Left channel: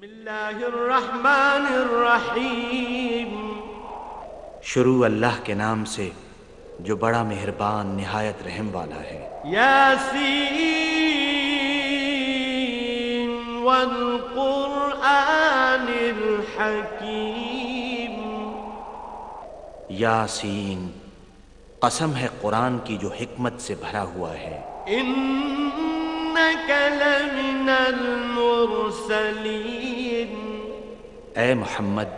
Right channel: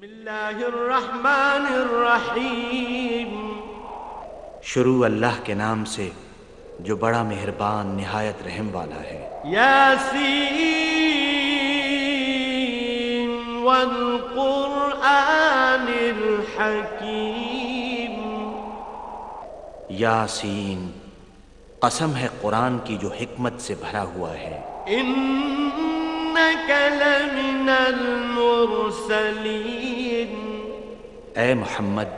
बिस्मिल्लाहिर्रहमानिर्रहीम। शुरू अल्लाह के नाम से जो बड़ा मेहरबान निहायत रहम वाला है। यासीन वल कुरआनिल हकीम। यासीन, कसम है कुरान की जो हिकमत से भरा हुआ है। इन्नका लमिनल मुरसलीन। ए मोहम्मद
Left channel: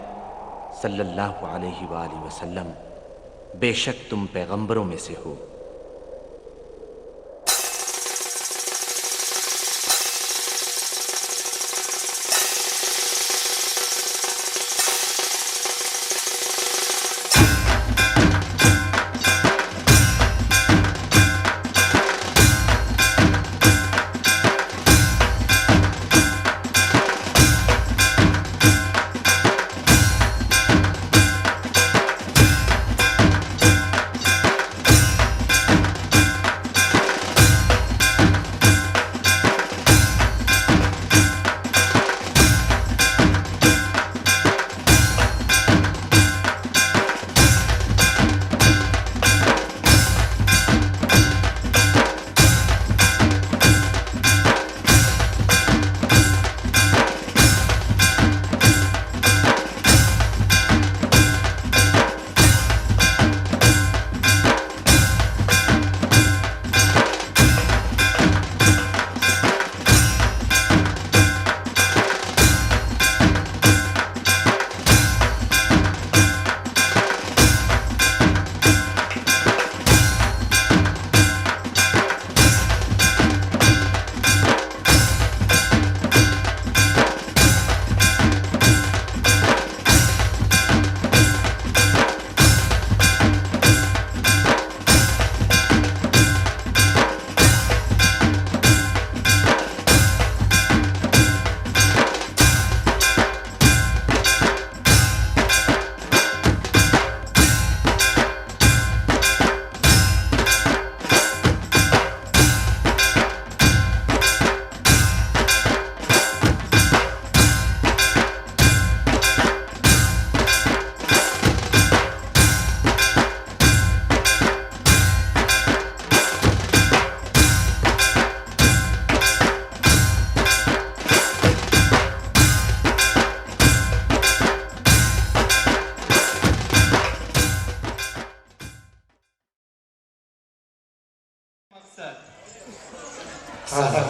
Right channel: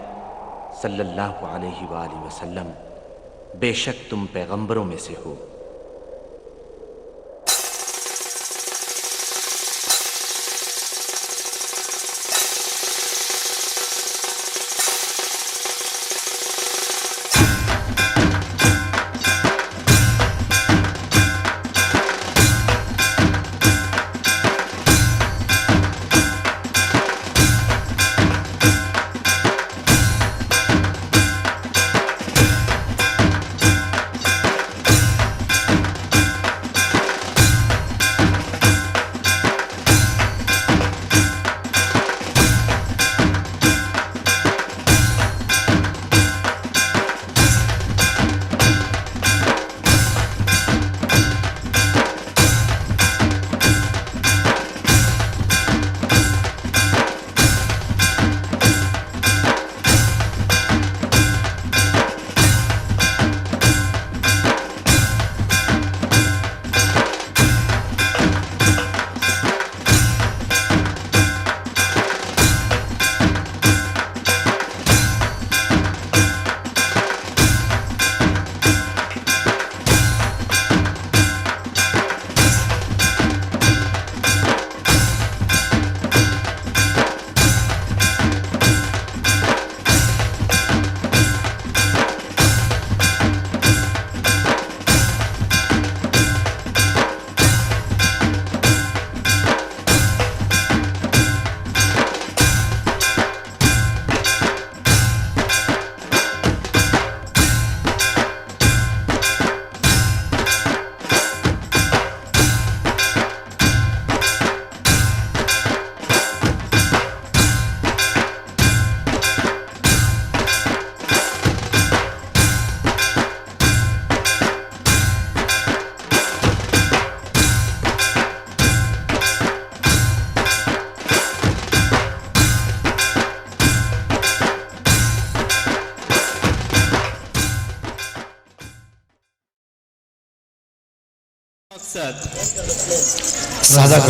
सल्लल्लाहु अलैहि वसल्लम, बेशक तुम पैगंबरों में से हो।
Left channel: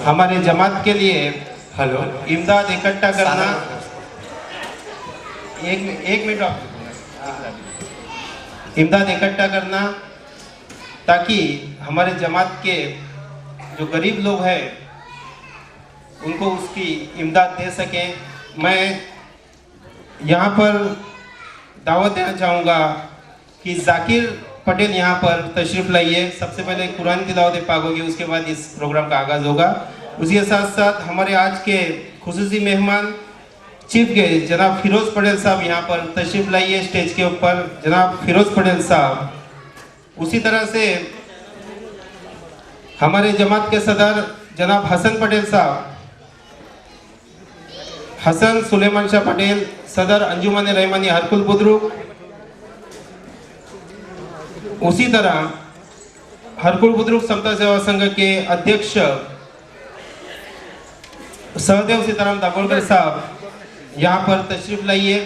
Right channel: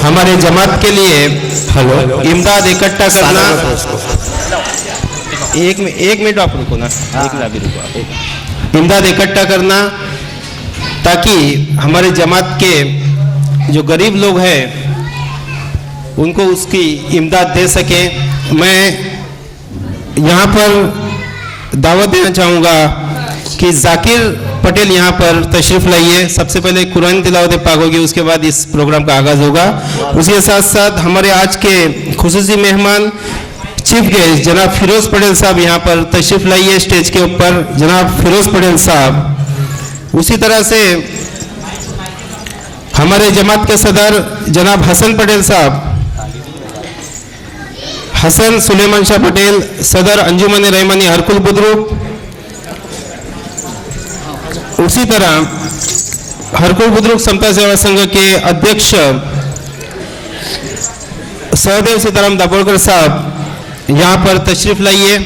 हमारे जमात के लिए इमदाद इकट्ठा करना। एक मिनट आप रुको ना, एक मिनट अभी रुको। इमदाद इकट्ठा करना ताकि हमारे जमात के जो गरीब लोग हैं उनको उसकी इमदाद दे सके। मैं यहाँ पर दावत देना चाहूँगा कि जाकिर पटेल यहाँ पर तशरीफ लाइए। सबसे पहले कुरान तिलावत पाक होगी, उसके बाद इस प्रोग्राम का आगाज होगा। उसके साथ साथ हमारे आज के खुसूसी मेहमान चीफ गेस्ट जनाब फिरोज पटेल साहब यहाँ पर तशरीफ लाइए स्टेज के ऊपर, जनाब फिरोज पटेल साहब। उसी तरह से हमारे जमात के सदर जनाब हसन पटेल साहब, हसन सुलेमान शाह पटेल सदर अंजुमन रहमानी हरकुल बुजुर्ग। उसी तरह हरकुल बुजुर्ग समता सेवा संघ के अध्यक्ष सहदेव सीताराम दाभोलकर साहब यहाँ पर तशरीफ लाइए।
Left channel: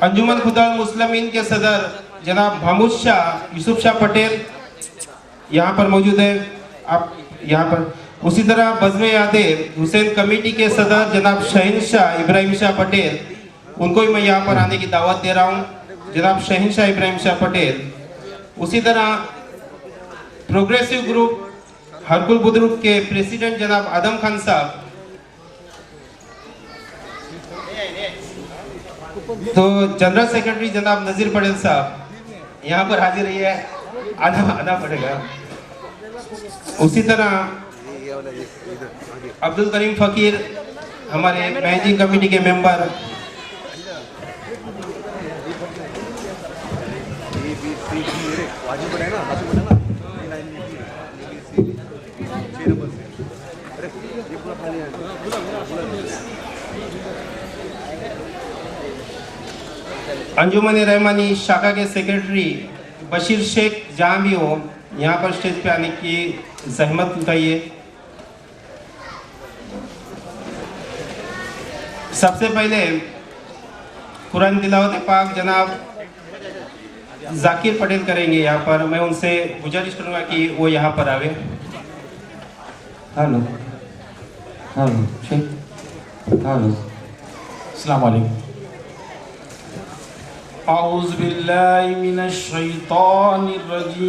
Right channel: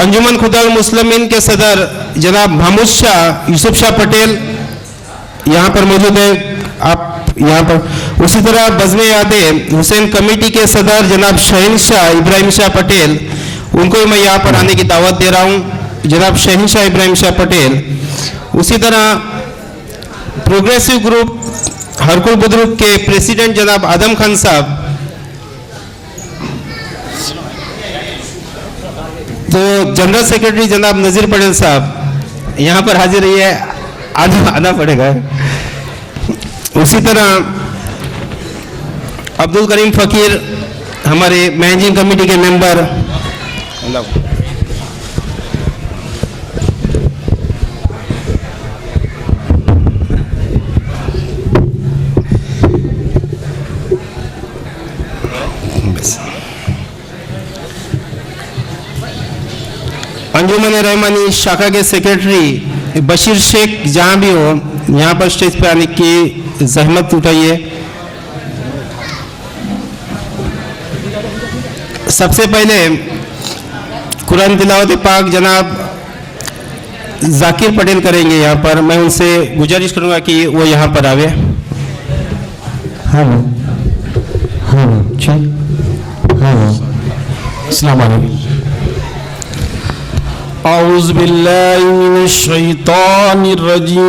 अंजुमन खुदा मुस्लिमीन के सदर जनाब महमूद शाह यूसुफ शाह पटेल यहाँ पर मौजूद है, आप यहाँ पर। उसी तरह बज़्म यादे हुसैन कमेटी के सदर जनाब शहीन शाह इब्राहिम शाह पटेल, उनको मैं यहाँ पर आने की दावत दे रहा हूँ, जनाब शहीन शाह इब्राहिम शाह पटेल। उसी तरह प्रोग्रेसिव ग्रुप हरकुल बुजुर्ग के प्रेसिडेंट जनाब आदम खान साहब, तो जनरल सेक्रेटरी जनाब नजीर पटेल साहब यहाँ पर हाजिर है, आना पड़ेगा। उसी तरह अब्दुल करीम फकीर हमारे मैनेजिंग कमेटी के मेंबर, अंजुमन रहमानी शाखा के सेक्रेटरी बशीर शेख जहाँ भी हो यहाँ पर स्टेज पे आने की जहमत उठाइए। सबसे पहले कुरान तिलावत पाक जनाब जाकिर पटेल करेंगे यहाँ पर। मैं उनसे गुजारिश करूँगा कि वो यहाँ पर आवे। हाँ ठीक। अस्सलाम वालेकुम। औज़ बिल्लाहि मिनश शैतानिर रजीम।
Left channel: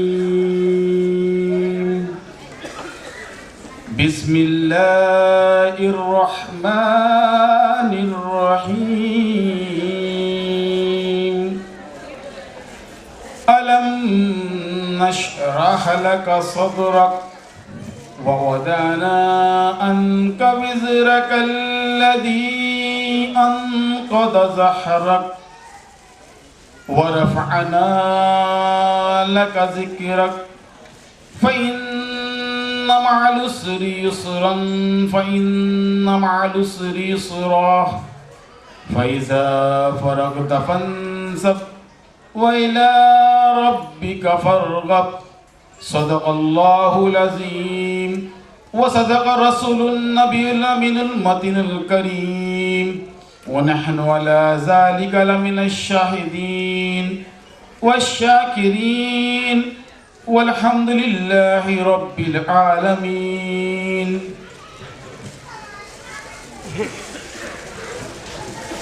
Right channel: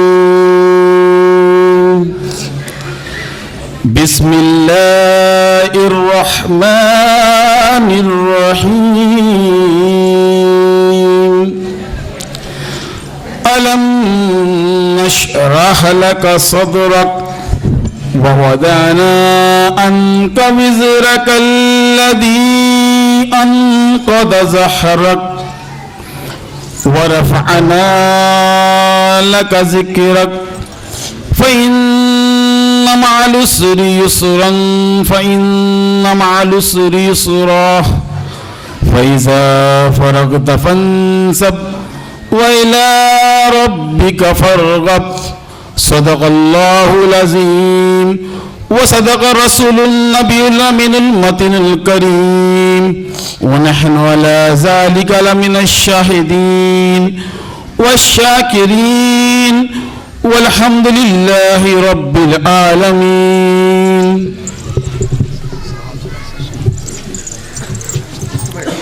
बिस्मिल्लाहिर रहमानिर रहीम। अलम नशरह लक सदरक ववदअना अन्का विज़रक अल्लज़ी अनक़द ज़हरक वरफ़अना लक ज़िक्रक फ़इन्न मअल उसरि युस्रन फ़इन्न मअल उसरि युस्रा फ़इज़ा फ़रग़त फ़ंसब वइला रब्बिका फ़रग़ब। सदक़ल्लाहुल अज़ीम व सदक़ रसूलुन नबियुल अमीनुल मतीनुल करीम व नहनु अला ज़ालिका लमिनश शाहिदीन वश्शाकिरीन वल्हम्दुलिल्लाहि रब्बिल आलमीन।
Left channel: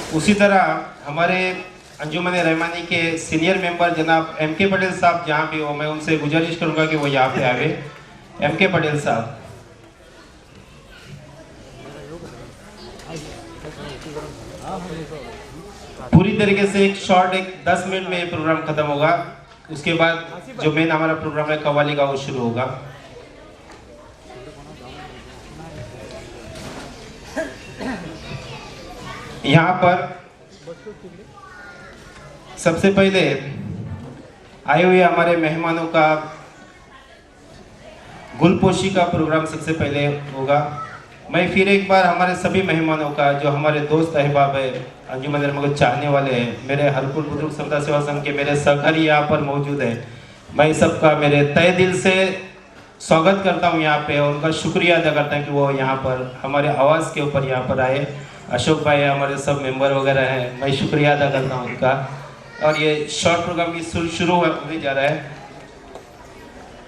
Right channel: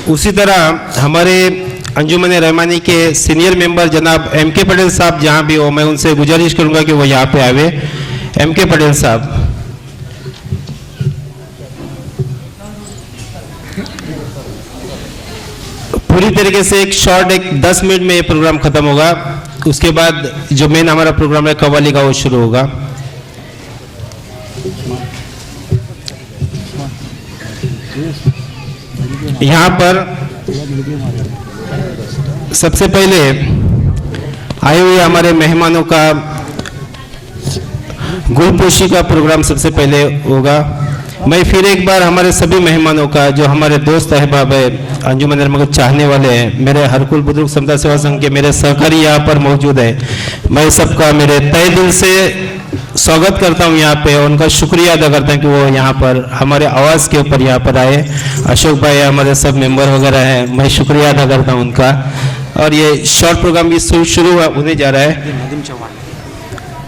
उसी तरह हमारे अंजुमन रहमानी के सीनियर मेंबर जनाब M.K. पटेल साहब जहाँ भी हो मैं उनसे गुजारिश करूंगा कि वो यहाँ पे आवे। M.K. पटेल साहब पूरी तरीके से एक शॉर्ट 10 मिनट में ये प्रोग्राम खत्म होगा। उसके बाद जो मेन हमारा प्रोग्राम है कव्वाली का वो शुरू होगा। यहाँ पर सबसे पहले आए हुए हमारे मेहमानों का गुलपोशी का प्रोग्राम सबसे पहले होगा। मैं फिर एक बार हमारे सभी मेहमानों का जो हमारे दोस्त अहबाब है अंजुमन रहमा को चाहने वाले हैं, मेरे हरकुल बुजुर्ग समता सेवा संघ के मेरे सहकारी यहाँ पर मौजूद है, मैं सबका मेरे तहे दिल से स्वागत करता हूँ यहाँ पे। उनका शुक्रिया अदा करता हूँ कि वो यहाँ पर हमारे आवाज़ के ऊपर यहाँ पर आए। अशोक भाई हमारे सब मेंबर वगैरह हैं, मैं शुक्रिया अदा करता हूँ उनका। और ये शॉर्ट प्रोग्राम भी शुरू होने जा रहा है।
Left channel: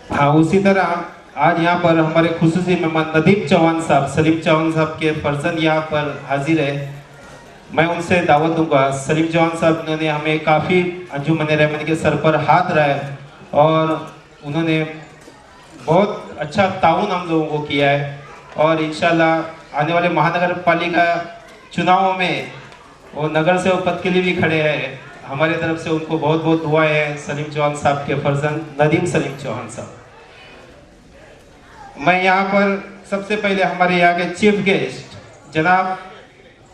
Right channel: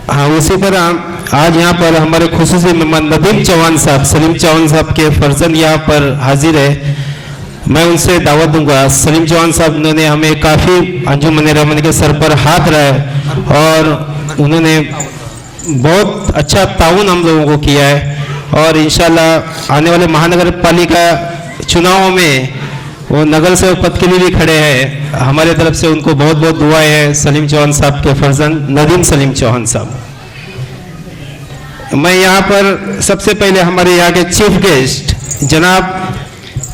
हाँ, उसी तरह आज यहाँ पर हमारे खुसूसी मेहमान नदीम चौहान साहब, सलीम चौहान साहब के फर्जंद यहाँ पर हाजिर है। मैं उनसे दावत दूंगा। सलीम चौहान साहब उन्होंने हमें काफ़ी अंजुमन रहमानी के सर पर हाथ रहा है और उन्होंने बहुत अच्छा ताउन हम लोगों को किया है। और इंशाल्लाह आने वाले महानगर पालिका चुनावों में वो नगर सेवक पद के लिए भी खड़े हैं। हमारे तरफ से उनको बहुत बहुत दुआएं हैं। सलीम चौहान साहब के फर्जंद नदीम सलीम चौहान साहब। मैं यहाँ पर सबसे पहले हमारे यहाँ के चीफ गेस्ट जनाब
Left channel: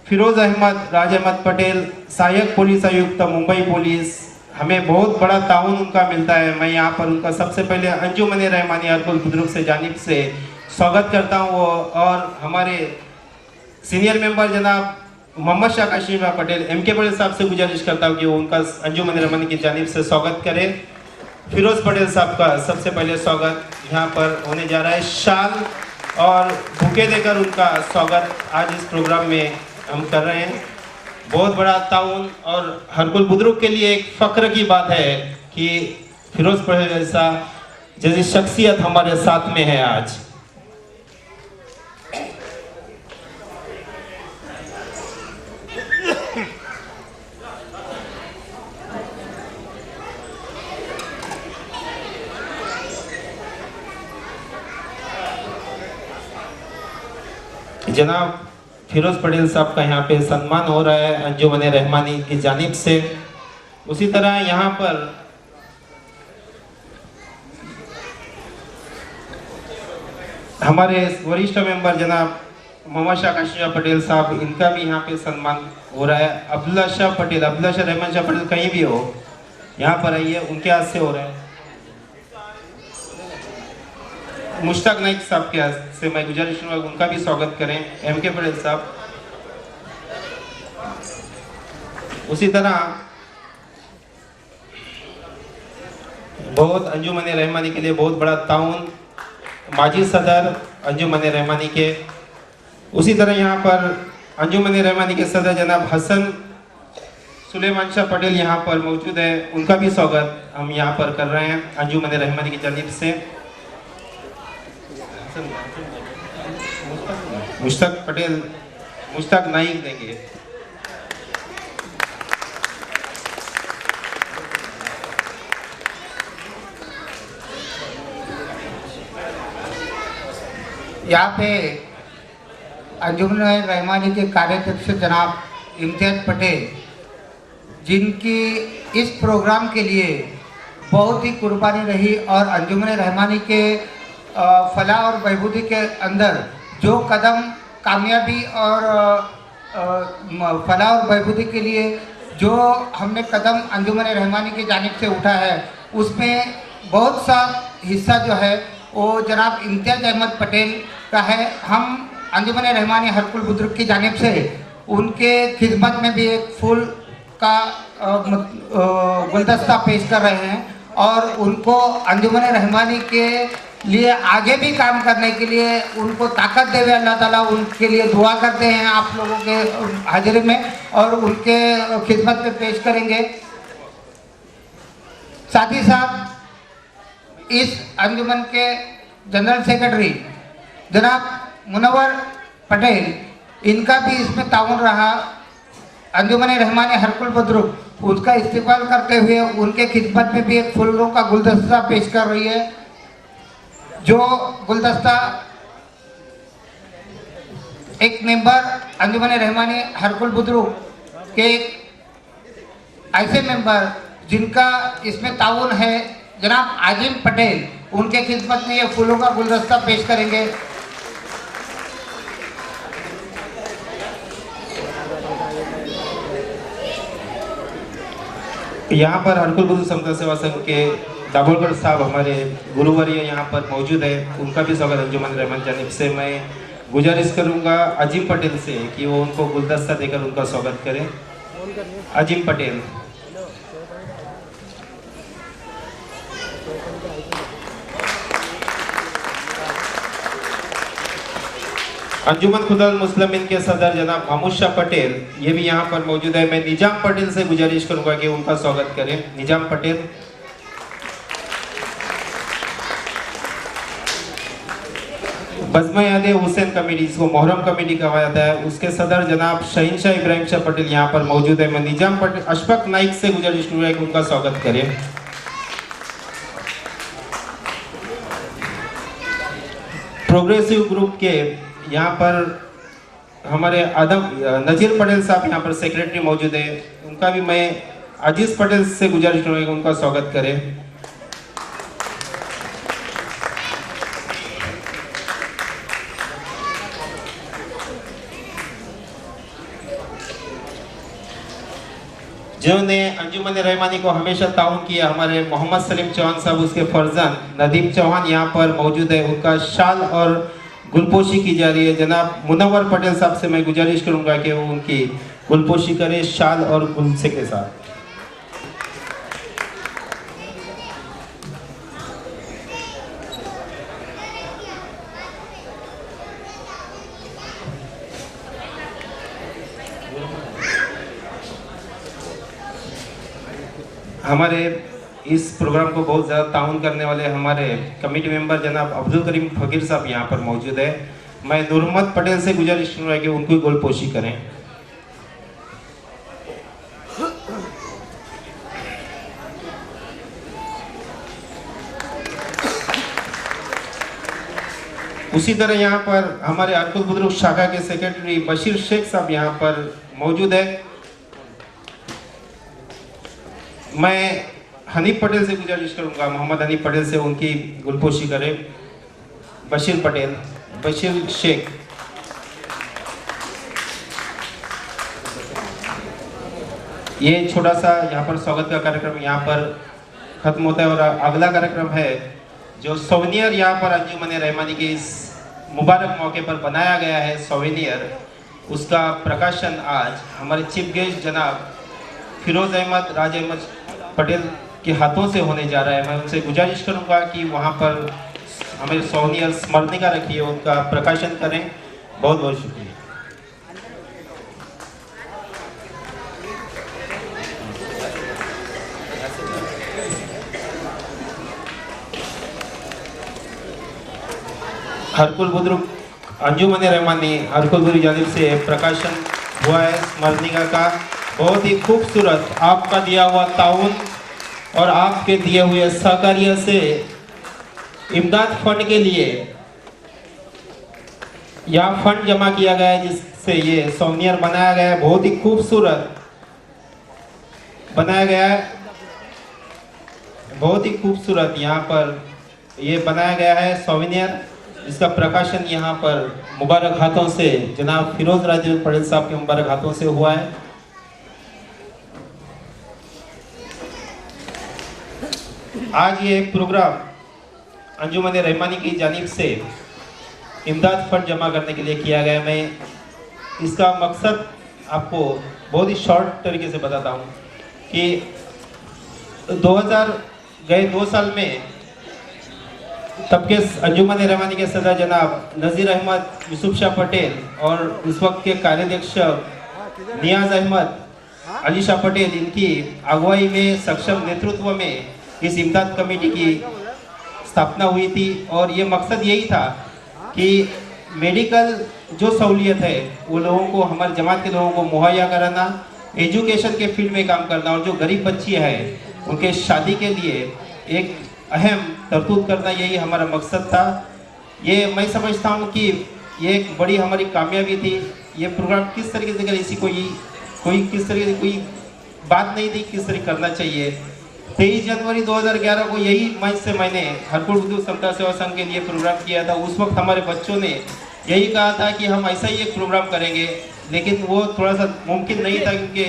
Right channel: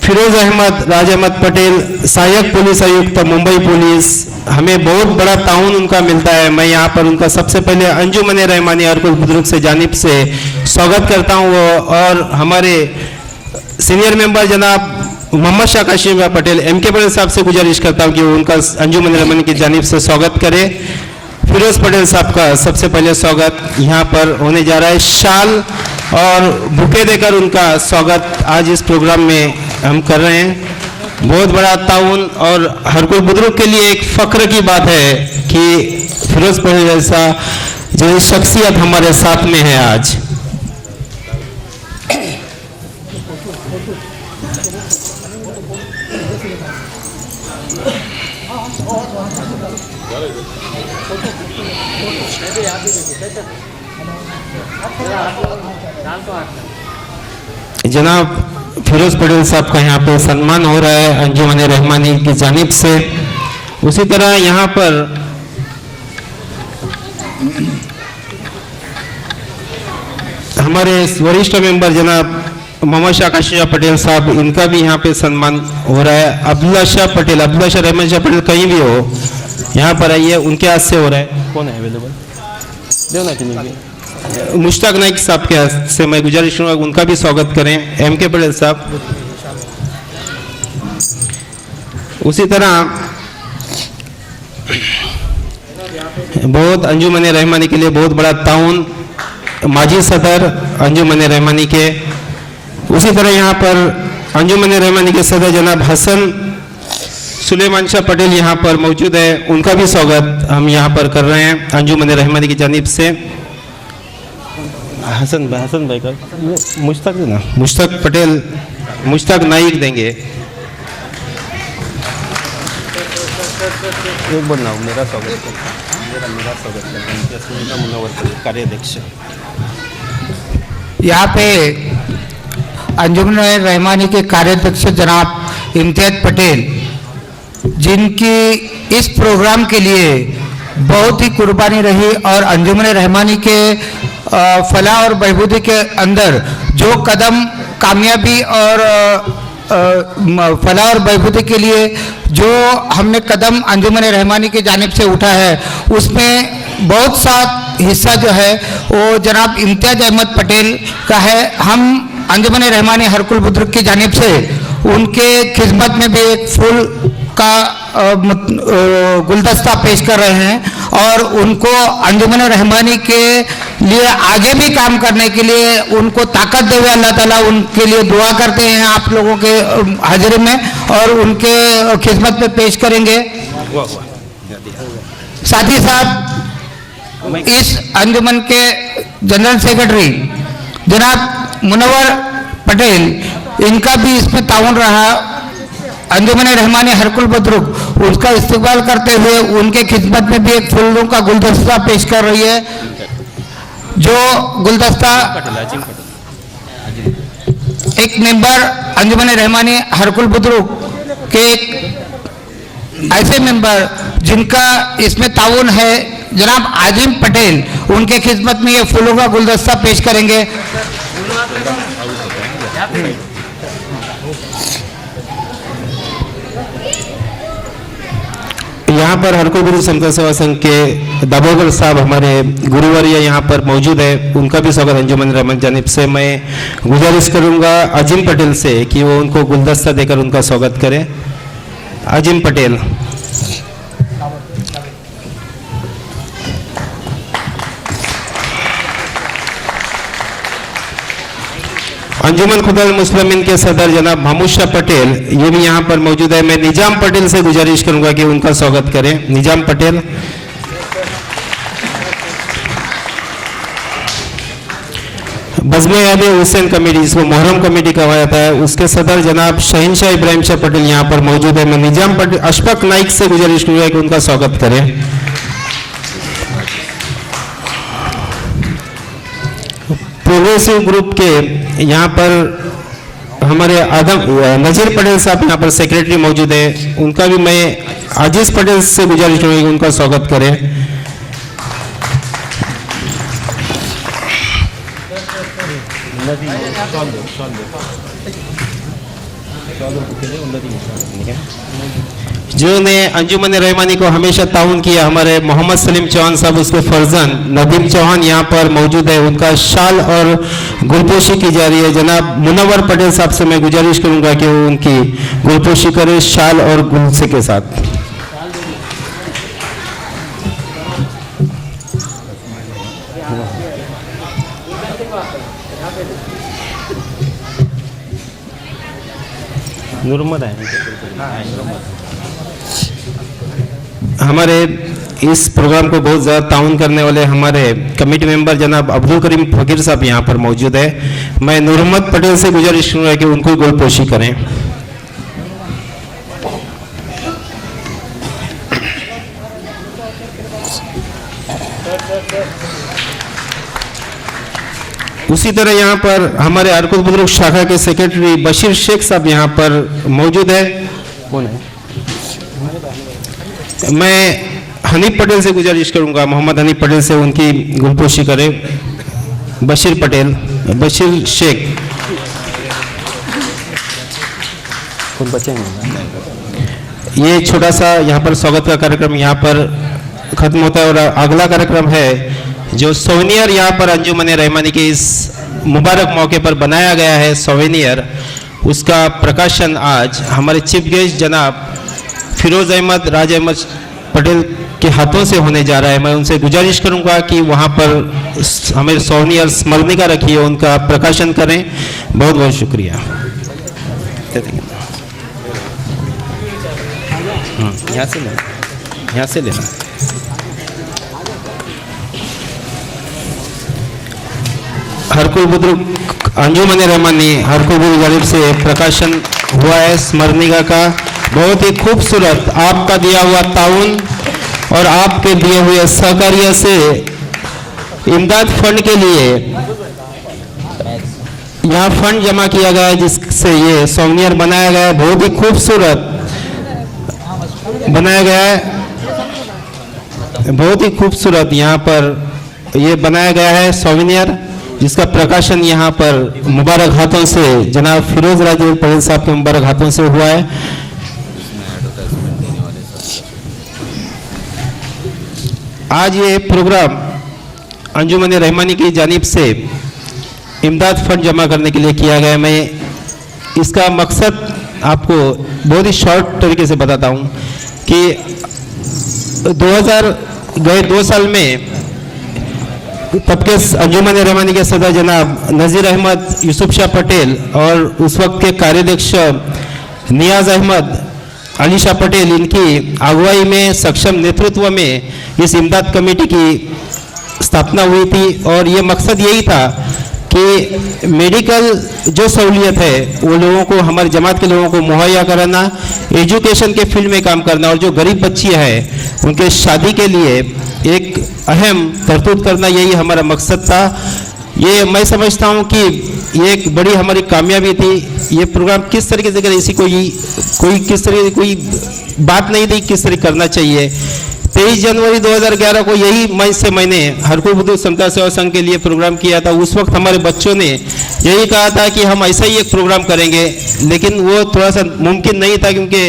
फिरोज अहमद राज अहमद पटेल, सहायक पुलिस आयुक्त मुंबई पुलिस, हमें बहुत बड़ा ताउन उनका मिलता है। मैं यहाँ पर उनका सबसे पहले अंजुमन रहमानी हरकुल बुजुर्ग से जानिब से स्वागत करता हूँ। और हमारे सीनियर मेंबर जनाब मोहम्मद शाह काशिम पटेल M.K. पटेल साहब से गुजारिश करता हूँ कि वो उनका अंजुमन रहमानी की जानिब से स्वागत करें। फिरोज पटेल साहब का सबसे पहले स्वागत यहाँ पर होने जा रहा है। शाल और बुके देकर उनका स्वागत आज इस प्रोग्राम में हम कर रहे हैं। बहुत बड़ा ताउन और हर कोई बुजुर्ग के लिए एक फख्र की बात है कि फिरोज पटेल जैसा जो शख्सियत हमारे साथ में है आज। जनाब फिरोज पटेल साहब का यहाँ पे सम्मान हो रहा है अंजुमन रहमानी की जानिब से। उसी तरह यहाँ पर हमारे वरिष्ठ मेंबर जनाब मोहम्मद शाह काशिम पटेल साहब, इनका भी यहाँ पे सम्मान हो रहा है। अब्दुल्ला शाह पटेल, अब्दुल्ला शाह रहमान शाह पटेल कहीं भी हो यहाँ पर आइए, उनके हाथ से हो रहा है। कौन है अवेलेबल? मुश्ताक नाइक साहब के हाथ से मैं गुजारिश करूँगा उनका भी स्वागत करें। M.K. पटेल साहब। उसी तरह बहुत अंजुमन रहमानी के लिए बहुत बड़ा ताउन माजी सदर अंजुमन रहमानी के। उसी तरह यहाँ पर अंजुमन रहमानी के सदर जनाब हसन सुलेमान शाह पटेल यहाँ पर मौजूद है, उनका भी स्वागत हम यहाँ पर कर रहे हैं अंजुमन रहमानी की जानिब से। हसन भाई का मुश्ताक देना, मुश्ताक पटेल, मुश्ताक नाइक देंगे। एक बार ना मेरा स्वागत कार्याध्यक्ष। यहाँ पे अंजुमन रहमानी के कार्याध्यक्ष जनाब इम्तियाज पटेल, जिनकी इस प्रोग्राम के लिए बहुत ही कुर्बानी रही और अंजुमन रहमानी के फलाह और बहबूदी के अंदर जो कदम कामयाबी और फलाह और बहबूदी के लिए जो हमने कदम अंजुमन रहमानी की जानिब से उठा है, उसमें बहुत सा हिस्सा जो है वो जनाब इम्तियाज अहमद पटेल का है। हम अंजुमन रहमानी हरकुल बुजुर्ग की जानिब से उनके खिदमत में भी एक फूल का गुलदस्ता पेश कर रहे हैं और उनको अंजुमन रहमानी के लिए आगे भी काम करने के लिए उनको ताकत देवे अल्लाह ताला, उनके लिए दुआ करते हैं आप लोगों के हाजिरी में और उनके खिदमत में पेश करेंगे। साथ ही साथ इस अंजुमन के जनरल सेक्रेटरी जनाब मुनव्वर पटेल, इनका भी इसमें ताउन रहा। अंजुमन रहमानी हरकुल बुजुर्ग उसका इस्तेमाल करते हुए उनके खिदमत में भी एक फूलों का गुलदस्ता पेश कर रही है, जो गुलदस्ता एक मेंबर अंजुमन रहमानी हरकुल बुजुर्ग के एक ऐसे मेंबर जिनका इसमें ताउन है जनाब आजिम पटेल, उनके खिदमत में ये फूलों का गुलदस्ता पेश करेंगे। यहाँ पर हरकुल बुजुर्ग समता सेवा संघ के दाभोगर साहब हमारे गुरुवर्य यहाँ पर मौजूद है, उनका भी स्वागत अंजुमन रहमान जानिब से। मैं गुजारिश करूँगा आजिम पटेल से कि वो उनको गुलदस्ता देकर उनका स्वागत करें। आजिम पटेल। अंजुमन खुदाल मुस्लिमीन के सदर जनाब महमूद शाह पटेल, ये भी यहाँ पर मौजूद है। मैं निजाम पटेल से गुजारिश करूंगा कि उनका स्वागत करें। निजाम पटेल। बज़्म आले हुसैन कमेटी, जिसको मोहर्रम कमेटी कहा जाता है, उसके सदर जनाब शहीनशाह इब्राहिम शाह पटेल यहाँ पर मौजूद है। मैं निजाम पटेल अशफाक नाइक से गुजारिश करूंगा कि उनका स्वागत करें। प्रोग्रेसिव ग्रुप के यहाँ पर हमारे आदम नजीर पटेल साहब यहाँ पर सेक्रेटरी मौजूद है, उनका भी मैं आजीज पटेल से गुजारिश करूँगी उनका स्वागत करें। जिन्होंने अंजुमन रहमानी को हमेशा ताउन किया, हमारे मोहम्मद सलीम चौहान साहब, उसके फर्जन नदीम चौहान यहाँ पर मौजूद है, उनका शाल और गुलपोशी की जा रही है। जनाब मुनव्वर पटेल साहब से मैं गुजारिश करूंगा कि वो उनकी गुलपोशी करें शाल और गुलसे के साथ। हमारे इस प्रोग्राम को बहुत ज़्यादा ताउन करने वाले हमारे कमेटी मेंबर जनाब अब्दुल करीम फकीर साहब यहाँ पर मौजूद है। मैं नूरहमद पटेल से गुजारिश करूँगा कि उनको गोलपोशी करें। उसी तरह यहाँ पर हमारे हरकुल बुजुर्ग शाखा के सेक्रेटरी बशीर शेख साहब यहाँ पर मौजूद है। कौन है? मैं हनीफ पटेल से गुजारिश करूंगा, मोहम्मद हनीफ पटेल से उनकी गुलपोशी करें। बशीर पटेल, बशीर शेख। ये छोटा सा यहाँ पर स्वागत का कार्यक्रम यहाँ पर खत्म होता है और अगला कार्यक्रम है जो सोवेनियर यहाँ पर अंजुमन रहमानी के इस मुबारक मौके पर बनाया गया है सोवेनियर, उसका प्रकाशन आज हमारे चीफ गेस्ट जनाब फिरोज अहमद राज अहमद पटेल के हाथों से होने जा रहा है। मैं उनसे गुजारिश करूंगा कि वहां पर हमें सोनियर स्मरणिका रखी है, उनका प्रकाशन करें। बहुत बहुत शुक्रिया। यहाँ से लेना। हरकुल बुजुर्ग अंजुमन रहमानी हरकुल बुजुर्ग जानिब से प्रकाशन हुआ है स्मरणिका का। बहुत ही खूबसूरत आपका दिया हुआ ताउन और आपके दिए हुए सहकार्य से इमदाद फंड के लिए यहाँ फंड जमा किया गया है, जिससे ये सोनियर बनाया गया है। बहुत ही खूबसूरत बनाया गया है, बहुत ही खूबसूरत यहाँ पर ये बनाया गया है सोनियर, जिसका प्रकाशन यहाँ पर मुबारक हाथों से जनाब फिरोज राजे पटेल साहब के मुबारक हाथों से हुआ है। आज ये प्रोग्राम अंजुमन रहमानी की जानिब से इमदाद फंड जमा करने के लिए किया गया। मैं इसका मकसद आपको बहुत ही शॉर्ट तरीके से बताता हूँ कि 2 साल में तब के अंजुमन रहमानी के सदर जनाब नज़ीर अहमद यूसुफ शाह पटेल और उस वक्त के कार्याध्यक्ष नियाज अहमद अली शाह पटेल, इनकी अगुवाई में सक्षम नेतृत्व में इस इमदाद कमेटी की स्थापना हुई थी। और ये मकसद यही था कि मेडिकल जो सहूलियत है वो लोगों को, हमारे जमात के लोगों को मुहैया कराना, एजुकेशन के फील्ड में काम करना, और जो गरीब बच्ची है उनके शादी के लिए एक अहम तरतूब करना, यही हमारा मकसद था। ये मैं समझता हूँ कि ये एक बड़ी हमारी कामयाबी थी। ये प्रोग्राम किस तरीके से अगर इसी कोई किस तरह की कोई बात नहीं थी किस तरह करना चाहिए। 23 जनवरी 2011 को यही मंच से मैंने हरकुल बुजुर्ग समता सेवा संघ के लिए प्रोग्राम किया था। उस वक्त हमारे बच्चों ने यही कहा था कि हम ऐसा ही एक प्रोग्राम करेंगे, लेकिन वो थोड़ा सा मुमकिन नहीं था, क्योंकि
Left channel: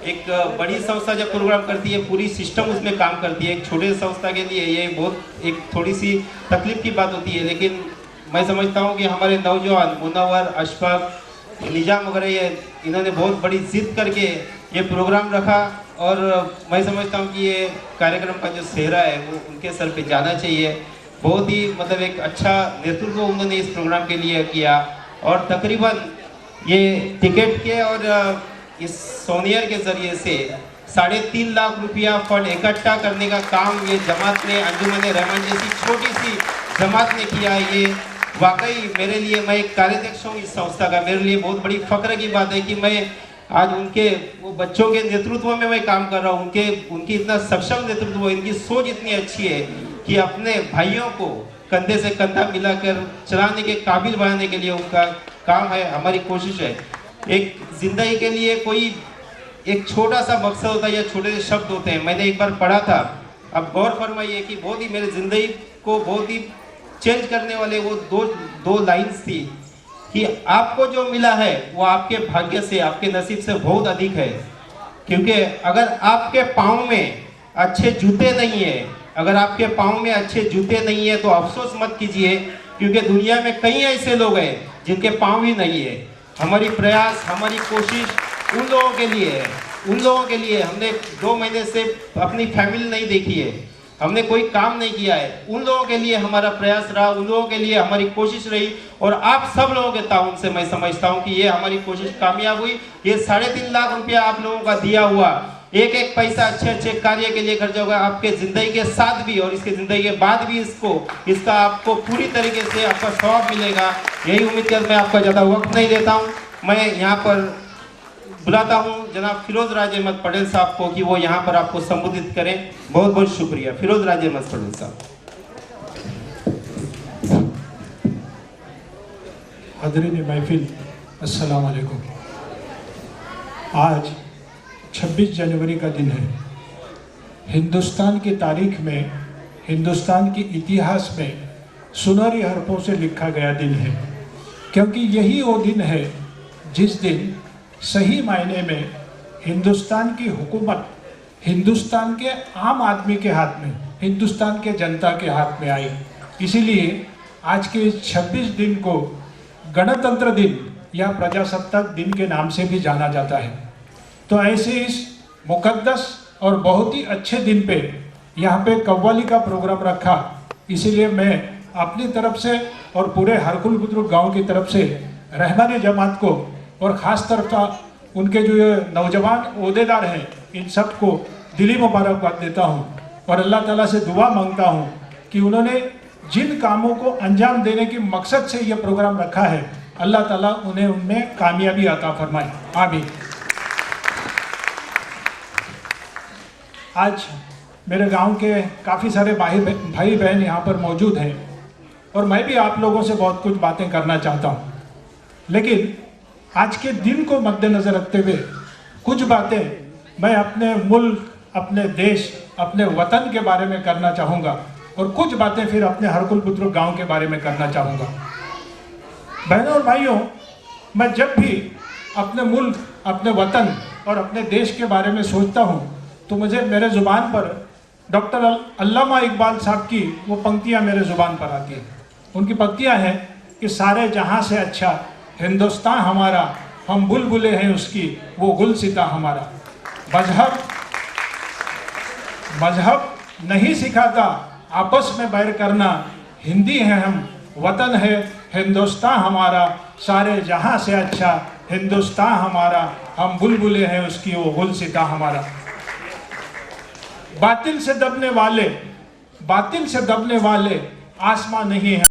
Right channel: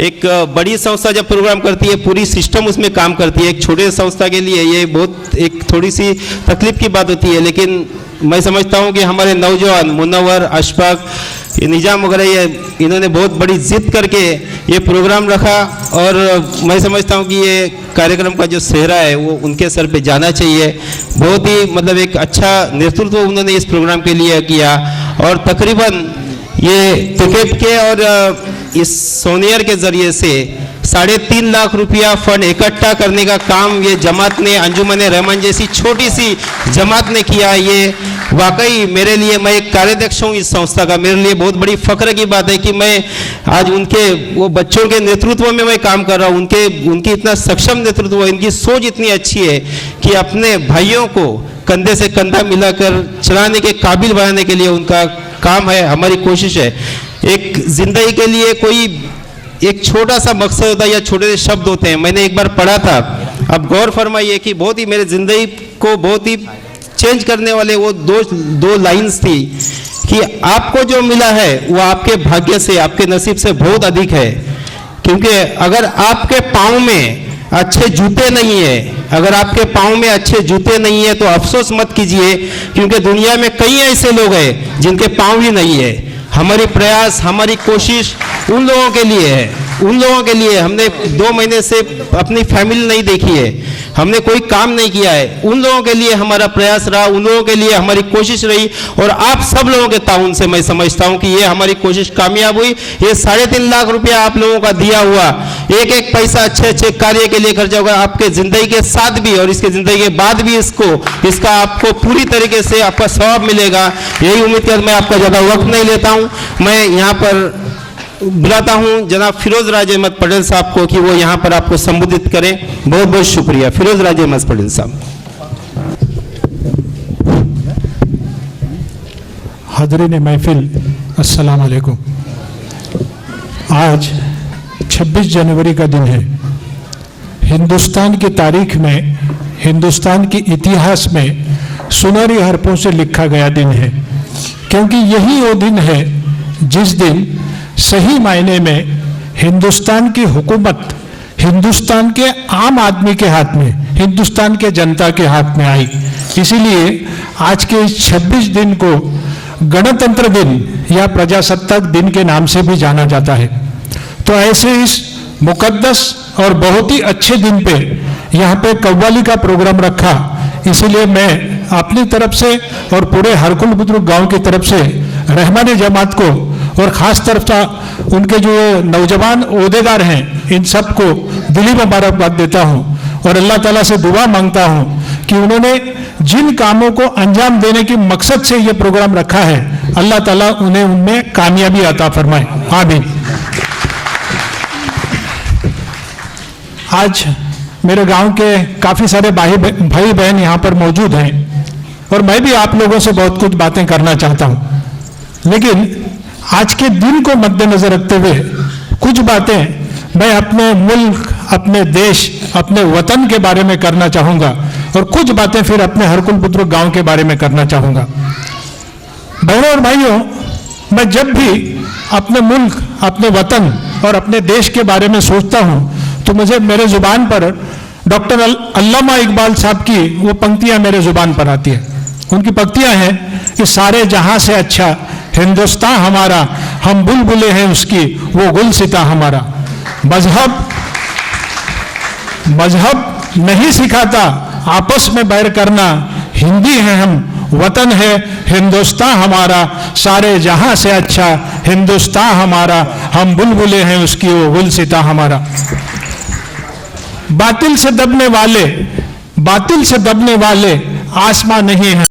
एक बड़ी संस्था जब प्रोग्राम करती है पूरी सिस्टम उसमें काम करती है। एक छोटे संस्था के लिए ये बहुत एक थोड़ी सी तकलीफ की बात होती है, लेकिन मैं समझता हूँ कि हमारे नौजवान मुनव्वर, अशफाक, निजाम वगैरह ये इन्होंने बहुत बड़ी जिद करके ये प्रोग्राम रखा। और मैं समझता हूँ कि ये कार्यक्रम का जो सेहरा है वो उनके सर पे जाना चाहिए। बहुत ही मतलब एक अच्छा नेतृत्व उन्होंने इस प्रोग्राम के लिए किया। और तकरीबन ये टिकट के और इस सोनियर के जरिए से 3.5 लाख रुपया फंड इकट्ठा करने का काम ये जमात ने, अंजुमन रहमान जैसी छोटी सी जमात ने किया। ये वाकई मेरे लिए, मैं एक कार्याध्यक्ष हूँ इस संस्था का, मेरे लिए बहुत बड़ी फख्र की बात है कि मैं आज उनके वो बच्चों के नेतृत्व में मैं काम कर रहा हूँ। उनकी इतना सक्षम नेतृत्व, इनकी सोच इतनी अच्छी है कि अपने भाइयों को कंधे से कंधा मिलाकर चलाने के काबिल बनाने के लिए उनका काम है। हमारी कोशिश है। एक जिंदगी के लिए कोई एक छोटा सा मकसद होता है या छोटे से शब्द होते हैं। मैंने एक बार पढ़ा था, अब गौर फरमाइए कि बहुत ही मेरे जिंदगी को बहुत ही चेंज करने वाले वो दो लाइंस थी कि आपको जो मिला है वो आपके भाग्य से, आपके नसीब से बहुत अधिक है। क्योंकि अगर आपके पाँव में अच्छे जूते नहीं है, अगर आपके पाँव में अच्छे जूते नहीं है तो अफसोस मत कीजिए, क्योंकि दुनिया में कई ऐसे लोग हैं जिनके पाँव ही नहीं है। हमारी प्रयास, हमारी कोशिश उन लोगों के लिए है, उन लोगों के लिए। हमने 2 महीने से अपनी फैमिली नहीं देखी है, हमने कोई काम नहीं किया है, उन लोगों के लिए हमारा प्रयास रहा, उन लोगों के लिए हमारी कोशिश रही। और आप सब लोगों के ताउन से मैं समझता हूं कि ये हमारी कोशिश कामयाब हुई। ये 3.5 लाख रुपया आप लोगों का दिया हुआ, एक एक पैसा अच्छे अच्छे कार्य के लिए खर्चा होगा आपके जिंदगी के साथ भी और इसके जिंदगी के बाद भी। इसका आपको पूरी तरीके से आपका सवाब मिलेगा। यही उम्मीद कर मैं आपका ज्यादा वक्त नहीं लेता हूँ। मैं यहाँ पर बुलाता हूं जनाब फिरोज राजे अहमद पटेल साहब को कि वो यहां पर आपको संबोधित करें। बहुत बहुत शुक्रिया। फिरोज राजे अहमद पटेल साहब। हाज़रीन महफिल, अस्सलाम वालेकुम। आज 26 जनवरी का दिन है। हिंदुस्तान की तारीख में, हिंदुस्तान के इतिहास में सुनहरी हरफों से लिखा गया दिन है, क्योंकि यही वो दिन है जिस दिन सही मायने में हिंदुस्तान की हुकूमत हिंदुस्तान के आम आदमी के हाथ में, हिंदुस्तान के जनता के हाथ में आई। इसीलिए आज के इस 26 दिन को गणतंत्र दिन या प्रजासत्ताक दिन के नाम से भी जाना जाता है। तो ऐसे इस मुकद्दस और बहुत ही अच्छे दिन पे यहाँ पे कव्वाली का प्रोग्राम रखा, इसीलिए मैं अपनी तरफ से और पूरे हरकुल बुजुर्ग गांव की तरफ से रहमानी जमात को और ख़ास तरफ से उनके जो नौजवान ओहदेदार हैं इन सबको दिली मुबारकबाद देता हूँ और अल्लाह ताला से दुआ मांगता हूँ कि उन्होंने जिन कामों को अंजाम देने की मकसद से ये प्रोग्राम रखा है अल्लाह ताला उन्हें उनमें कामयाबी अता फरमाए, आमीन। आज मेरे गांव के काफ़ी सारे भाई बहन यहाँ पर मौजूद हैं और मैं भी आप लोगों से बहुत कुछ बातें करना चाहता हूँ, लेकिन आज के दिन को मद्देनजर रखते हुए कुछ बातें मैं अपने मुल्क, अपने देश, अपने वतन के बारे में करना चाहूँगा और कुछ बातें फिर अपने हरकुल बुजुर्ग गांव के बारे में करना चाहूँगा। बहनों और भाइयों, मैं जब भी अपने मुल्क, अपने वतन और अपने देश के बारे में सोचता हूँ तो मुझे मेरे जुबान पर डॉक्टर अल्लामा इकबाल साहब की वो पंक्तियाँ मेरे जुबान पर आती है। उनकी पंक्तियाँ हैं कि सारे जहां से अच्छा हिंदुस्तान हमारा, हम बुलबुले हैं उसकी वो गुलसिता हमारा। मजहब नहीं सिखाता आपस में बैर करना, हिंदी है हम, वतन है हिंदुस्तान हमारा, सारे जहां से अच्छा हिंदुस्तान हमारा, हम बुलबुले हैं उसकी वो गुलसिता हमारा। बातिल से दबने वाले आसमां नहीं है।